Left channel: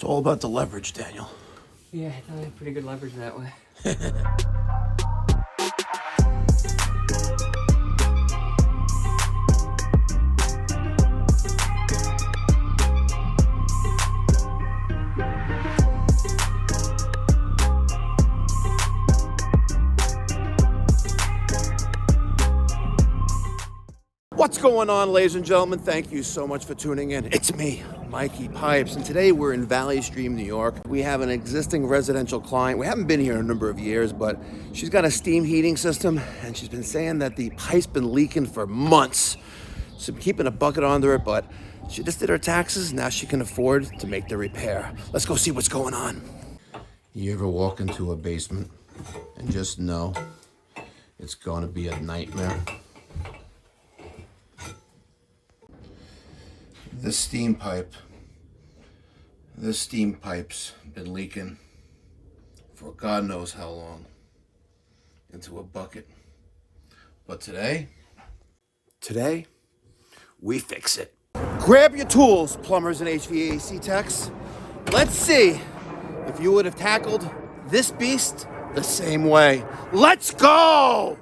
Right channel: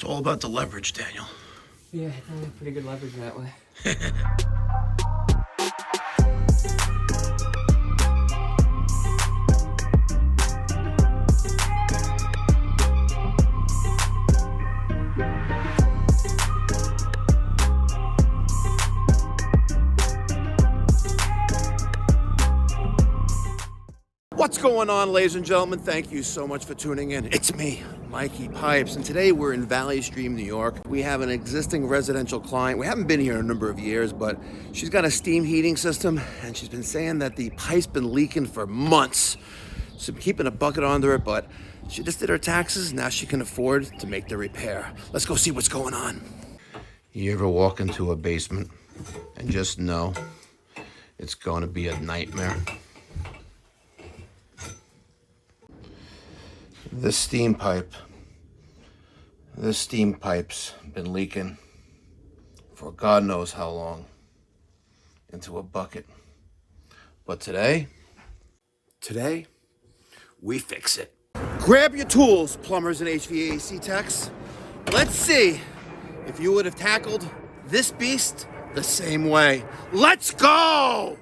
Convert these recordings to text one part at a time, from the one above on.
It's all about the leverage, Daniel. Yeah, I got a pretty good leverage that way. What's going on, ladies and gentlemen? Thank you so much for tuning in. It's me, Mikey Pipes, and today we're in Valley Stream, New York. We have an existing residential client. We haven't been here in a number of years, but she's got a steam heating system, and she's been saying that the pipe's been leaking for months. So I'm keeping a bucket under it, but she just did her taxes. Now she can afford to make the repair. Let's go see what's going on. You ever walk into a basement and just know it's going to be a nightmare? This steam pipe's been leaking for God knows how long into a bucket. But today, we fix it. Grab your tools, plumbers and HVAC techs. Let's see if you would have tackled this beast the same way. Let's go!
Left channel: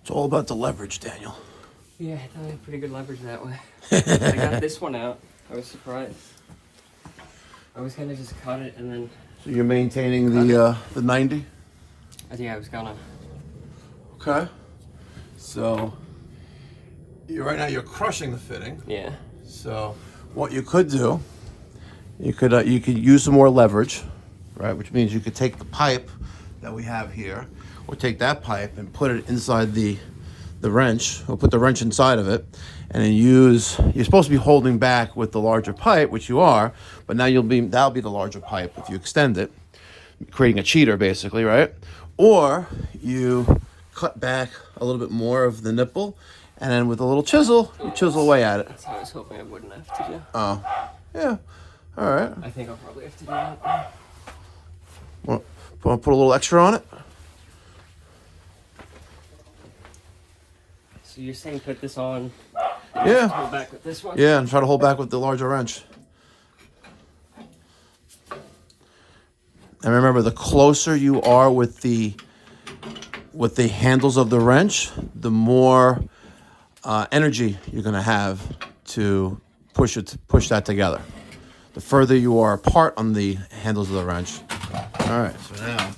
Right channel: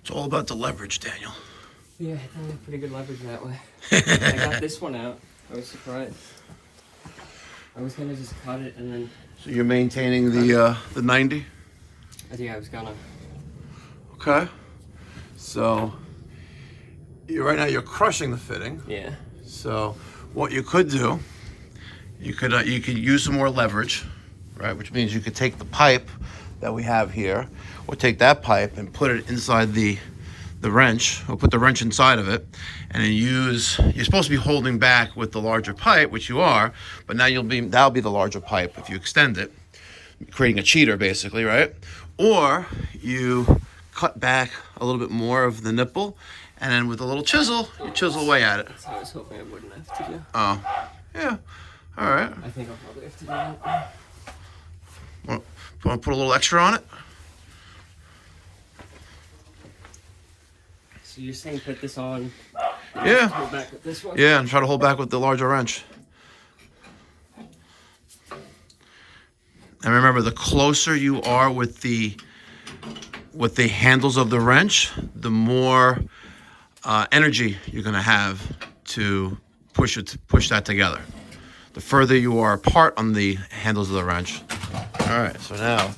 It's all about the leverage, Daniel. Yeah, I got a pretty good leverage that way. I got this one out. I was surprised. I was gonna just cut it and then... So you're maintaining the 90? I think I was gonna. Okay. So right now you're crushing the fitting. Yeah. So what you could do, you could use some more leverage, right? Which means you could take the pipe that we have here, or take that pipe and put it inside the wrench, or put the wrench inside of it, and then you're supposed to be holding back with the larger pipe, which you are, but now that'll be the larger pipe if you extend it, creating a cheater basically, right? Or you cut back a little bit more of the nipple, and then with a little chisel, you chisel away at it. That's what I was hoping I wouldn't have to do. Oh, yeah, all right. I think I'll probably have to do that. Want to put a little extra on it? So you're saying put this on? Yeah. Hold back with this one? Yeah, and try to hold back with the larger wrench. And remember, the closer you are with the handles of the wrench, the more energy you're going to have to push that together. The further you are apart on the handles of the wrench. All right, so now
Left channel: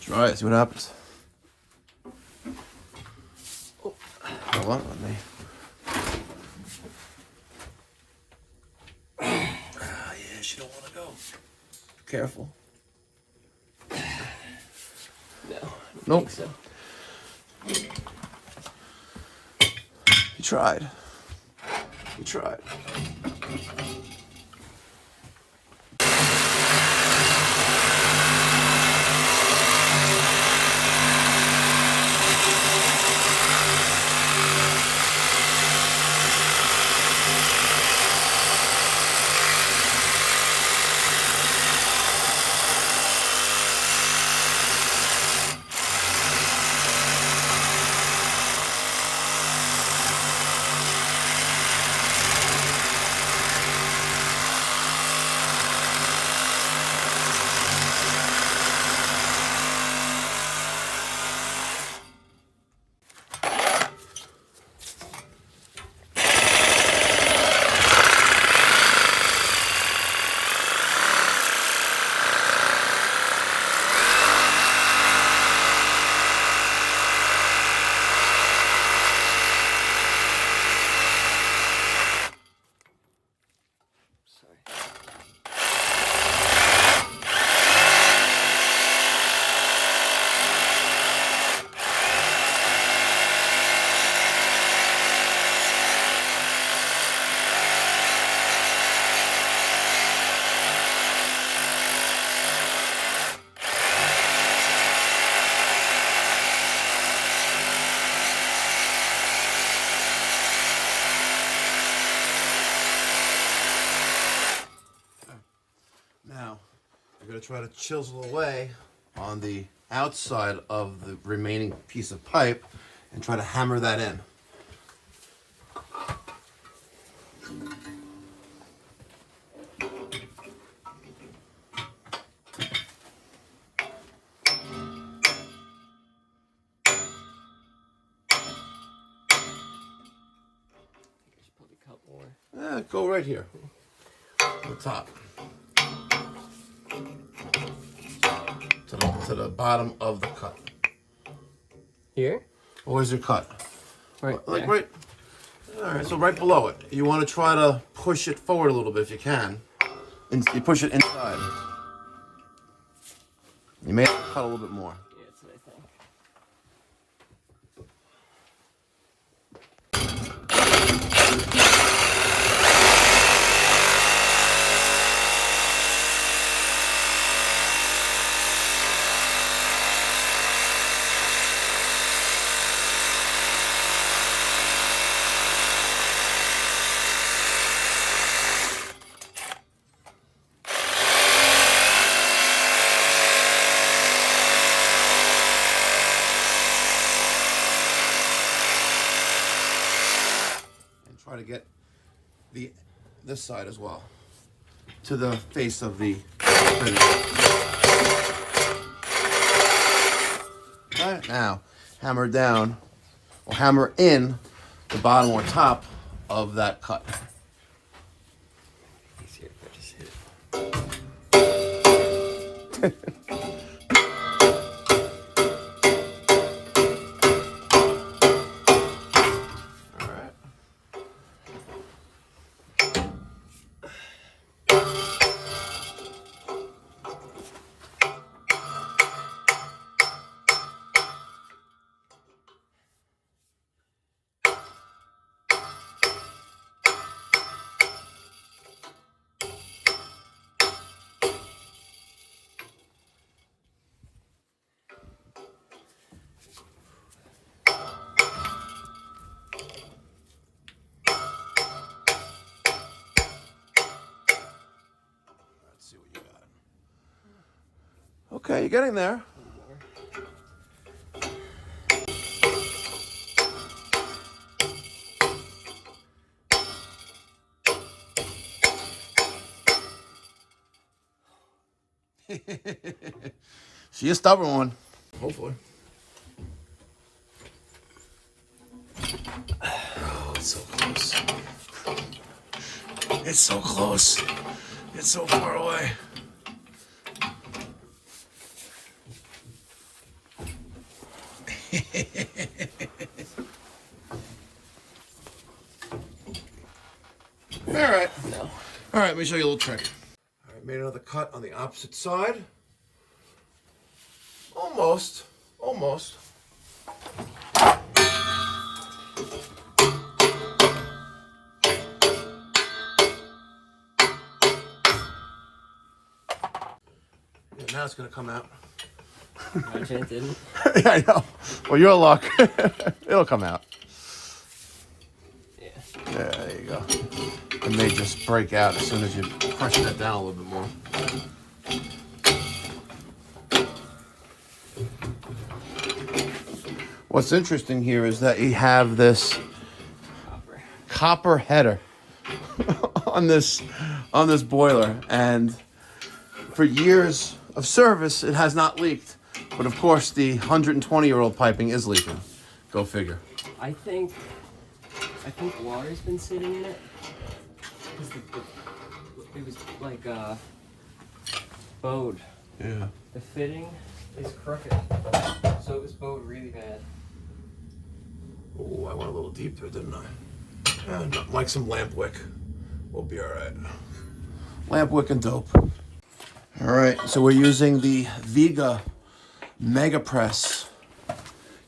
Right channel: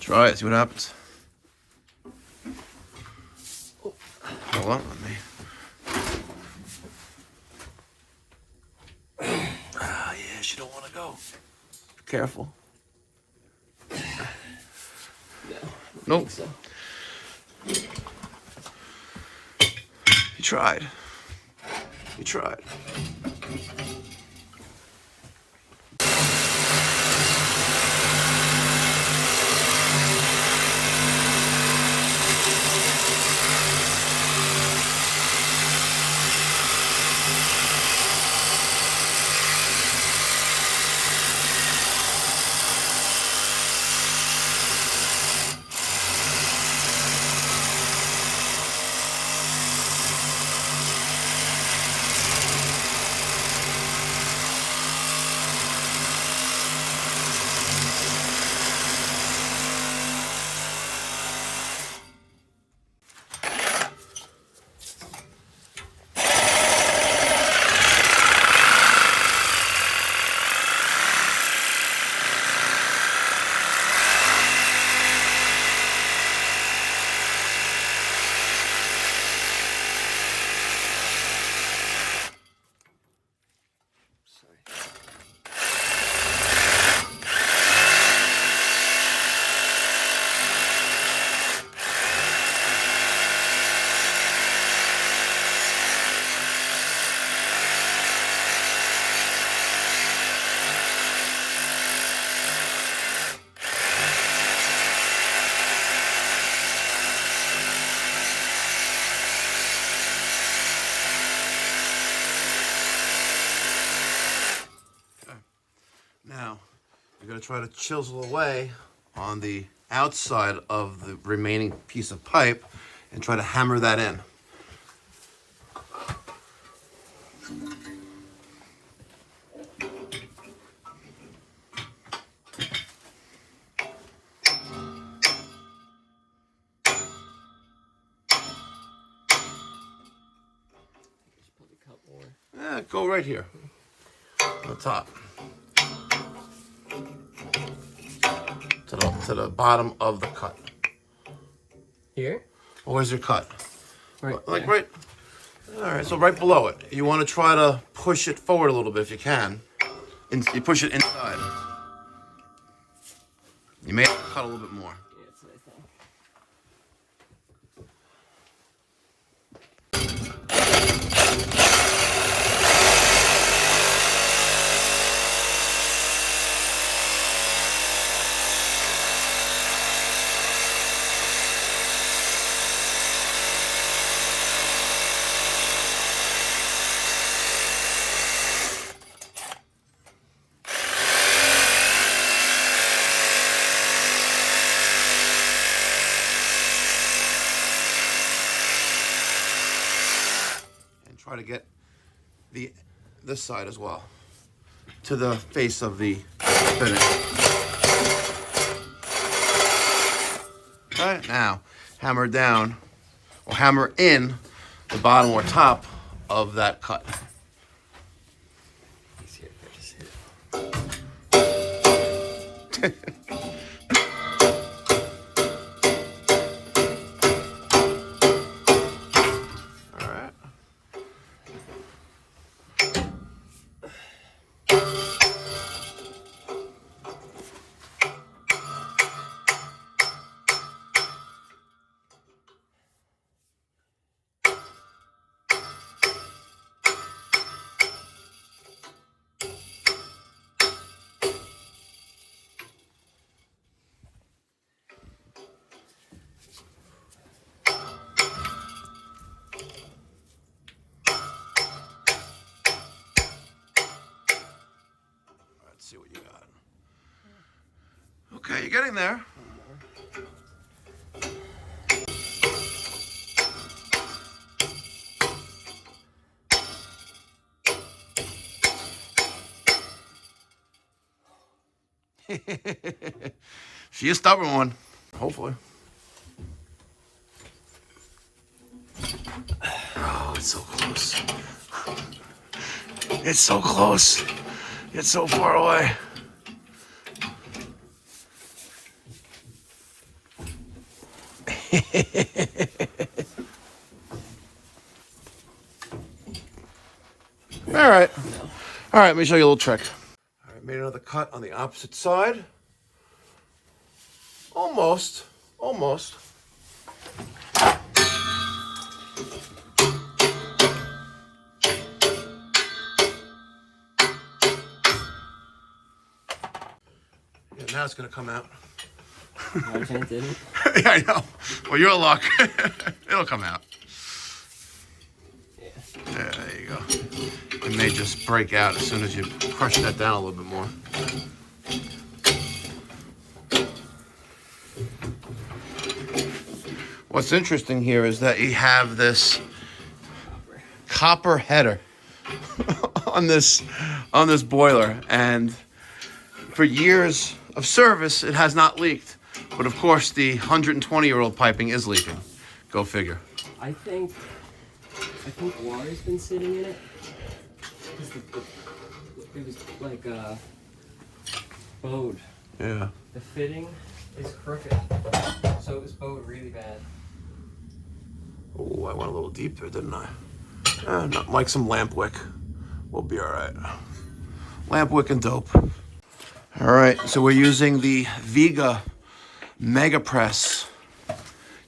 try it, see what happens. Hold on, let me. Yeah, she don't want to go. Careful. No. Nope. So. You tried. You tried. Now, you're going to try to chisel away on the outside of the remaining piece of pipe and try to hammer that in. Yeah, go right here on the top to the bottom of the cut. Here? Where's your cut? Right. Like right. All right, so right below it. You want to try to push it forward a little bit if you can. And you push it inside. You may have to cut a little bit more. Yeah, that's what I thought. Try to get this side as well to the face of the finish. All right, now hammer down or hammer in the bottom or top of that cut. See what you got. Okay, you're getting there. See a stubborn one, hopefully. Oh, it's so close. It's so close. It's so far away. All right. No. All right, let me show you a little trick. All right, made another cut on the opposite side. Almost. Almost. Yeah, now it's going to come out. My chance didn't. Yeah, I know. Well, your luck. It'll come out. Yeah. Yeah, there you go. It may just break out as soon as you crush that down a little bit more. What's interesting here is that you have this copper header on this boiler, and for years of service, it has not leaked. But of course, the 120-year-old piping is leaking. Go figure. I think water's been sitting in it. Because it was like bowed. Yeah. The fitting is perfect. So it was bowed really bad. Oh, I went a little deep there, didn't I? Not like some lamp wick. We'll be all right. Lamp wick and dope. All right, so we're using the Viga Mega Press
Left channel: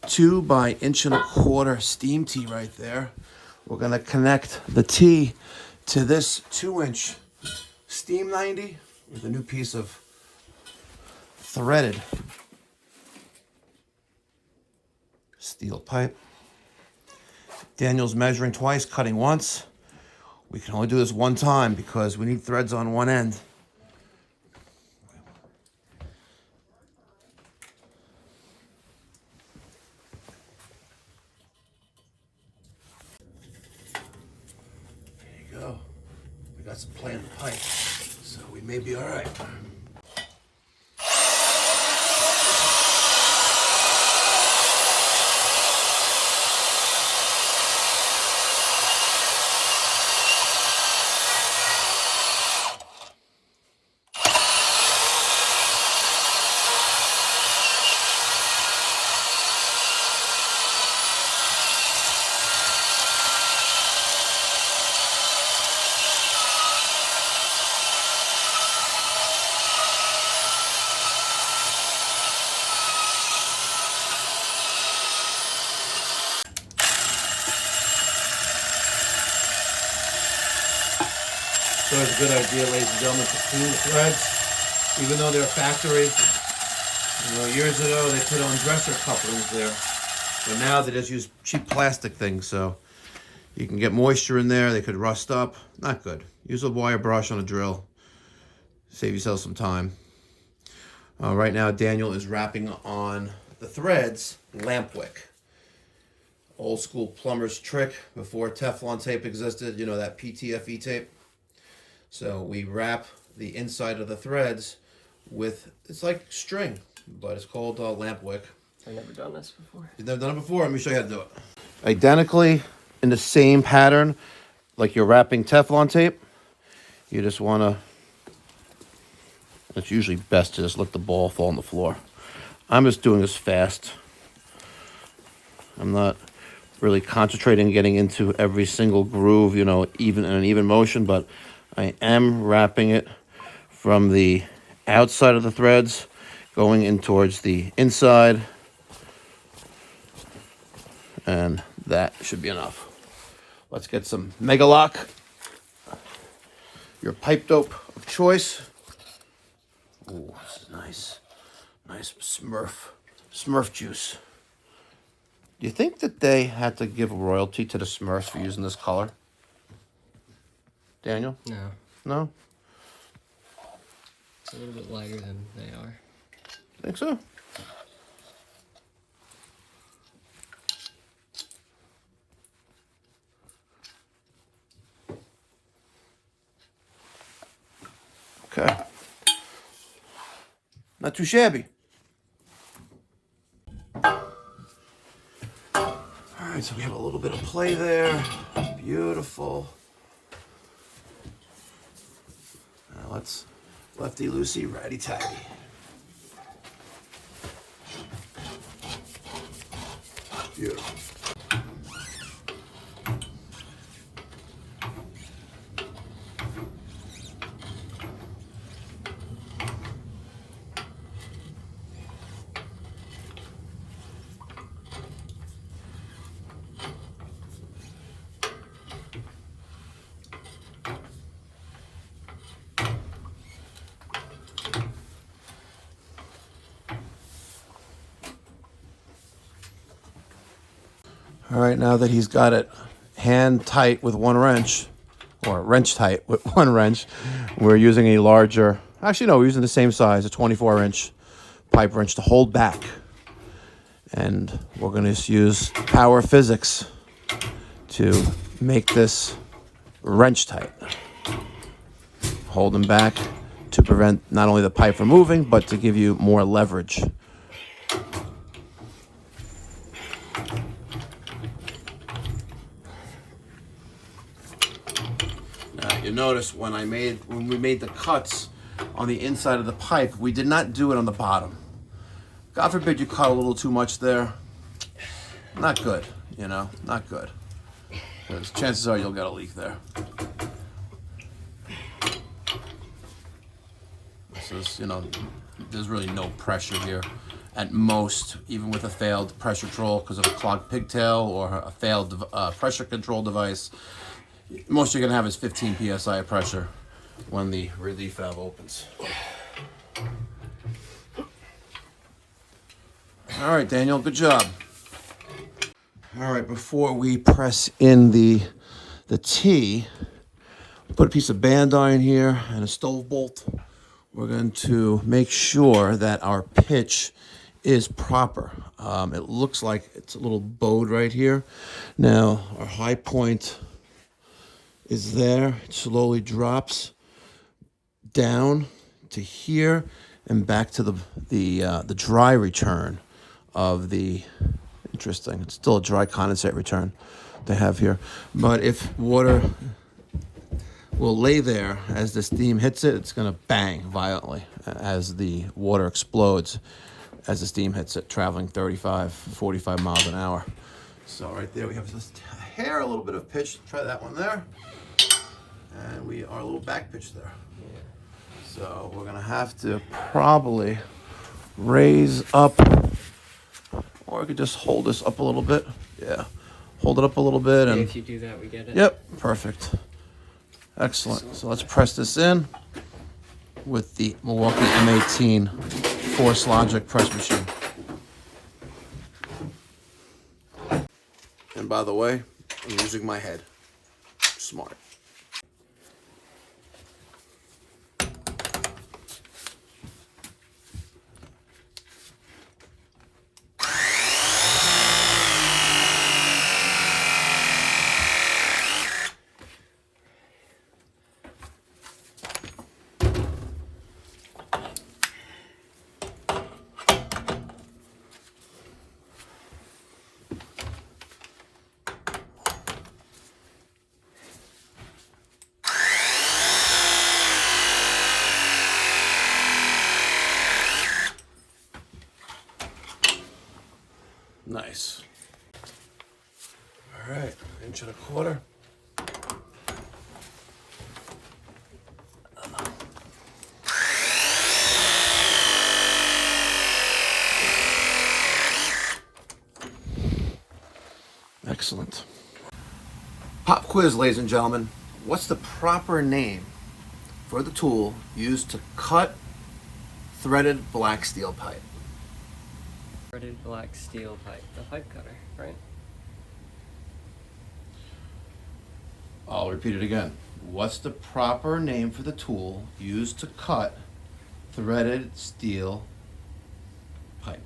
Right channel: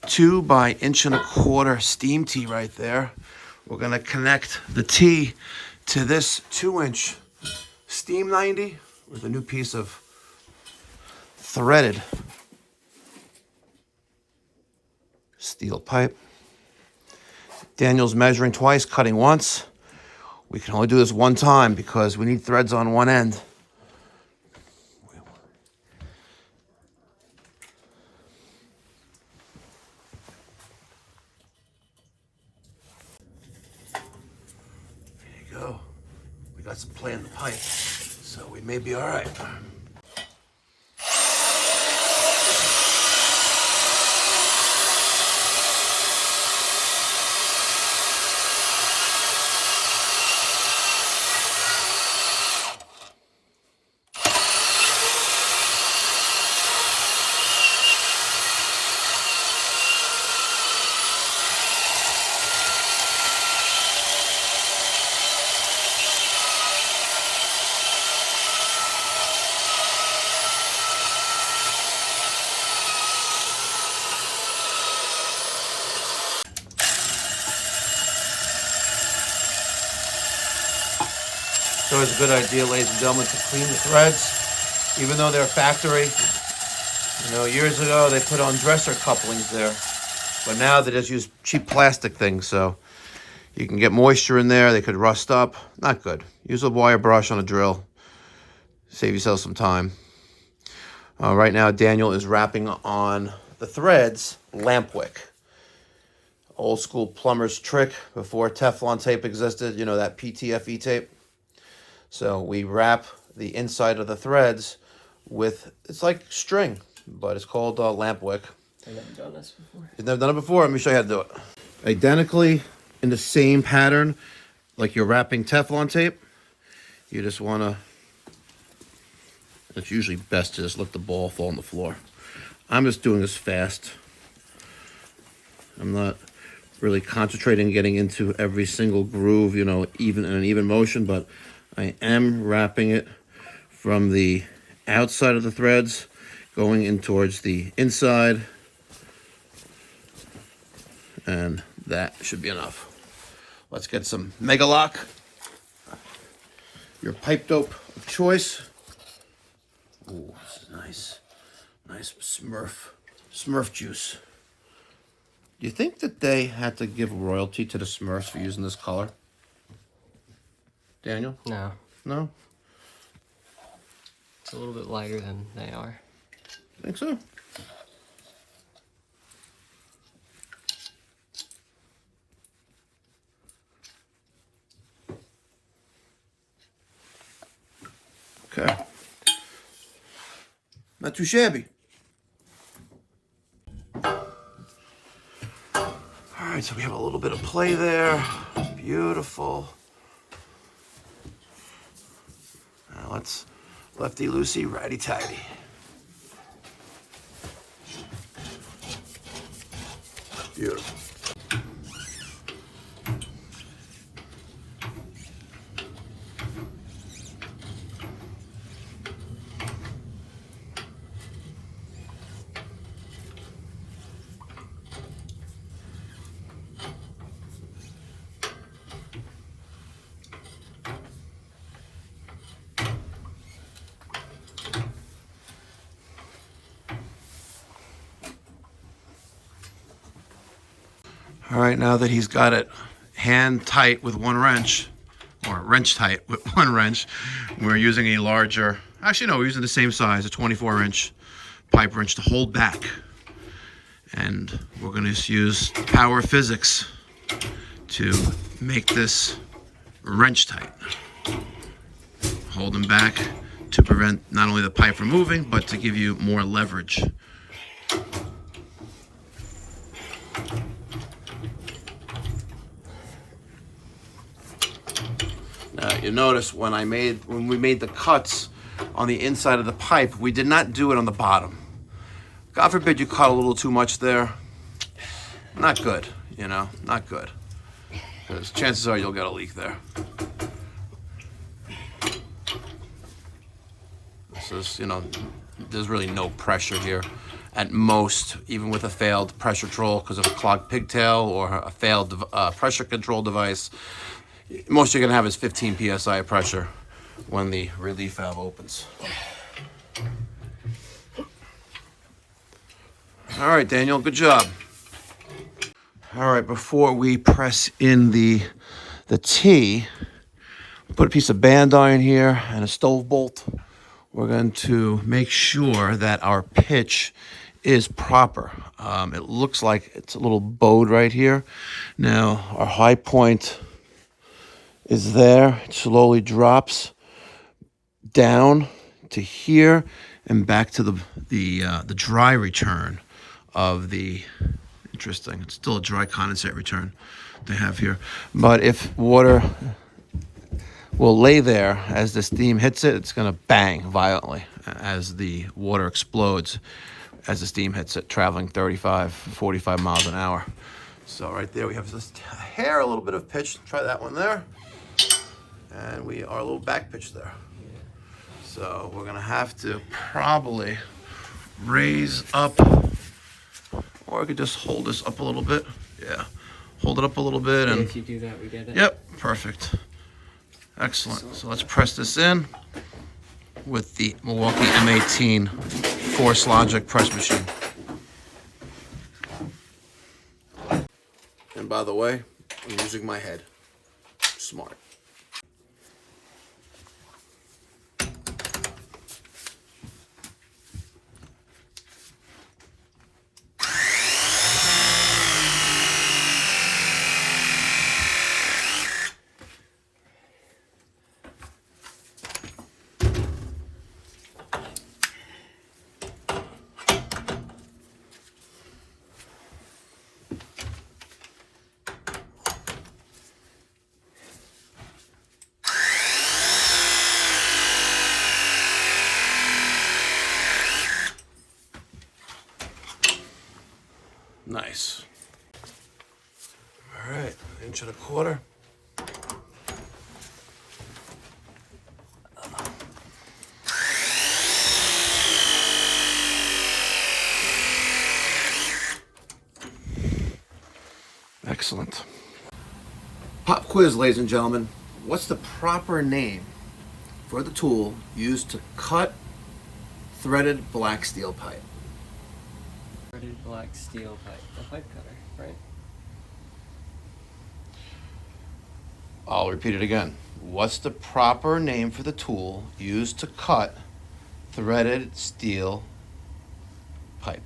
2 by 1.25 inch steam tee right there. We're gonna connect the tee to this 2-inch steam 90 with a new piece of threaded steel pipe. Daniel's measuring twice, cutting once. We can only do this one time because we need threads on one end. We got some play in the pipe, so we may be all right. It's always a good idea, ladies and gentlemen, to clean the threads, even though they're factory. You know, years ago they put on dresser couplings there, but now they just use cheap plastic things, so you can get moisture in there. They could rust up. Not good. Use a wire brush on a drill. Save yourself some time. Right now, Daniel is wrapping on the threads lamp wick. Old school plumber's trick before Teflon tape existed. You know, that PTFE tape. So we wrap the inside of the threads with, it's like string, but it's called lamp wick. I've never done this before. You've never done it before? Let me show you how to do it. Identically in the same pattern, like you're wrapping Teflon tape, you just want to, it's usually best to just let the ball fall on the floor. I'm just doing this fast. I'm not really concentrating getting into every single groove, you know, even in an even motion, but I am wrapping it from the outside of the threads, going in towards the inside, and that should be enough. Let's get some Mega Lock, your pipe dope of choice. Ooh, this is nice. Nice Smurf juice. Do you think that they had to give royalty to the Smurfs for using this color? Daniel? No. No? It's a little bit lighter than they are. Think so? Okay. Not too shabby. All right, so we have a little bit of play there. Beautiful. Now let's lefty loosey, righty tighty. Beautiful. All right, now that he's got it hand tight with one wrench, or wrench tight with one wrench, we're using a larger, actually no, we're using the same size, a 24-inch pipe wrench to hold back. And we're going to use power of physics to make this wrench tight. Hold them back to prevent not only the pipe from moving, but to give you more leverage. You notice when we made the cuts on the inside of the pipe, we did not do it on the bottom. God forbid you cut a little too much there. Not good, you know, not good. Because chances are you'll get a leak there. This is, you know, there's really no pressure here. At most, even with a failed pressure control because of a clogged pigtail or a failed pressure control device, most you're gonna have is 15 psi of pressure when the relief valve opens. All right, Daniel, good job. All right, before we press in the T, put a piece of band iron here and a stove bolt. We're going to make sure that our pitch is proper. It looks like it's a little bowed right here. Now, our high point is there. It slowly drops down to here and back to the dry return of the, interesting, it's still a dry condensate return they have here. But if water will lay there as the steam hits it, it's going to bang violently as the water explodes as the steam hits it, traveling 35, 45 miles an hour. So right there we have just a hair, a little bit of pitch. Try that one there. And we are a little back pitch there. So we're gonna have to probably raise up, or I could just hold this up a little bit. Yeah, hold it up a little bit, and if you do that, we get it. Yep, perfect. Excellent. So let's press this in with the Milwaukee M18 Force Logic press machine. And by the way, I'm using my head. Smart. Nice. All right, 1.25 inches. Excellent. Pop quiz, ladies and gentlemen. What's the proper name for the tool used to cut threaded black steel pipe? Threaded black steel pipe. The pipe cutter, right? I'll repeat it again. What's the proper name for the tool used to cut threaded steel pipe?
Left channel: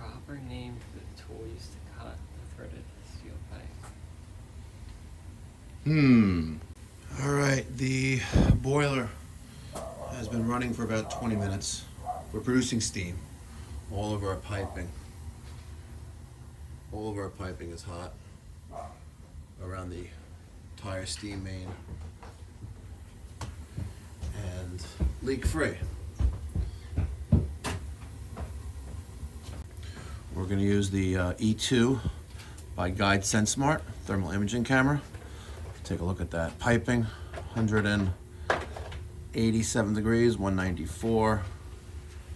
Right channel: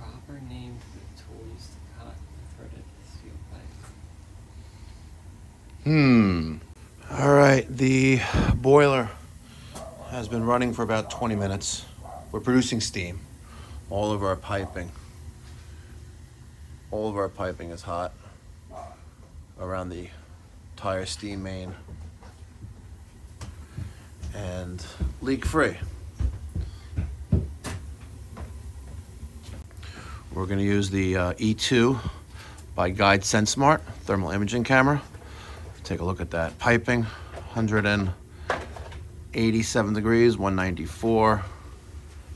Proper name for the tool used to cut the threaded steel pipe. All right, the boiler has been running for about 20 minutes. We're producing steam. All of our piping is hot around the entire steam main and leak free. We're going to use the E2 by Guide SenseSmart thermal imaging camera. Take a look at that piping. 187 degrees, 194,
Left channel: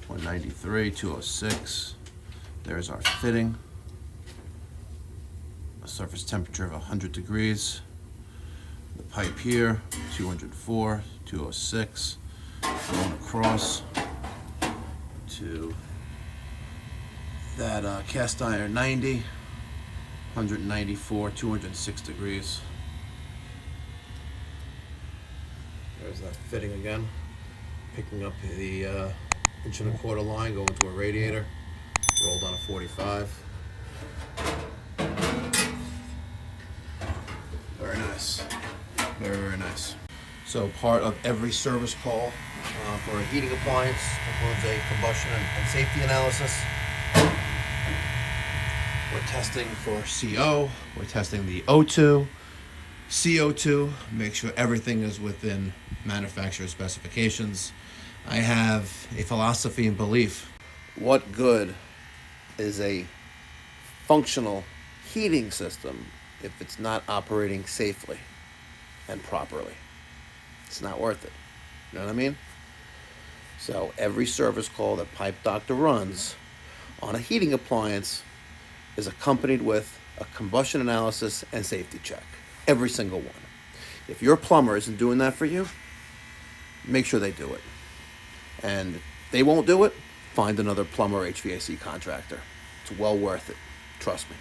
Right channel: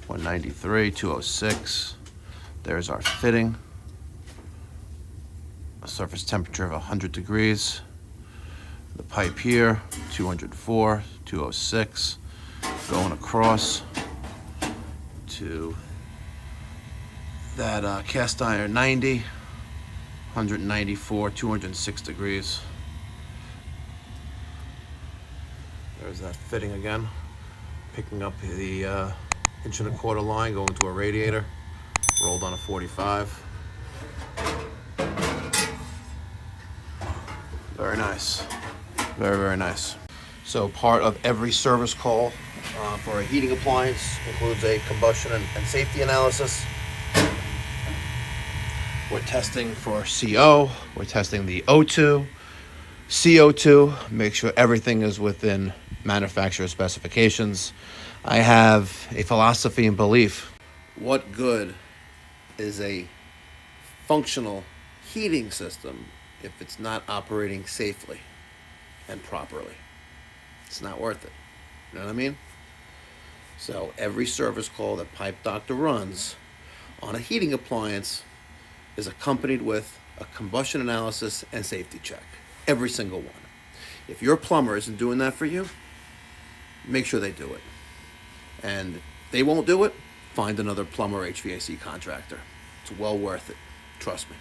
193, 206. There's our fitting. A surface temperature of 100 degrees. The pipe here, 204, 206. Going across to that cast iron 90, 194, 206 degrees. There's that fitting again. Picking up the 1.25 inch line, going to a radiator. Rolled on a 45. Very nice. Very, very nice. So part of every service call for a heating appliance includes a combustion and safety analysis. We're testing for CO. We're testing the O2, CO2, make sure everything is within manufacturer specifications. I have a philosophy and belief. What good is a functional heating system if it's not operating safely and properly? It's not worth it. You know what I mean? So every service call that Pipe Doctor runs on a heating appliance is accompanied with a combustion analysis and safety check. Every single one. If your plumber isn't doing that for you, make sure they do it. And if they won't do it, find another plumber or HVAC contractor. It's well worth it. Trust me.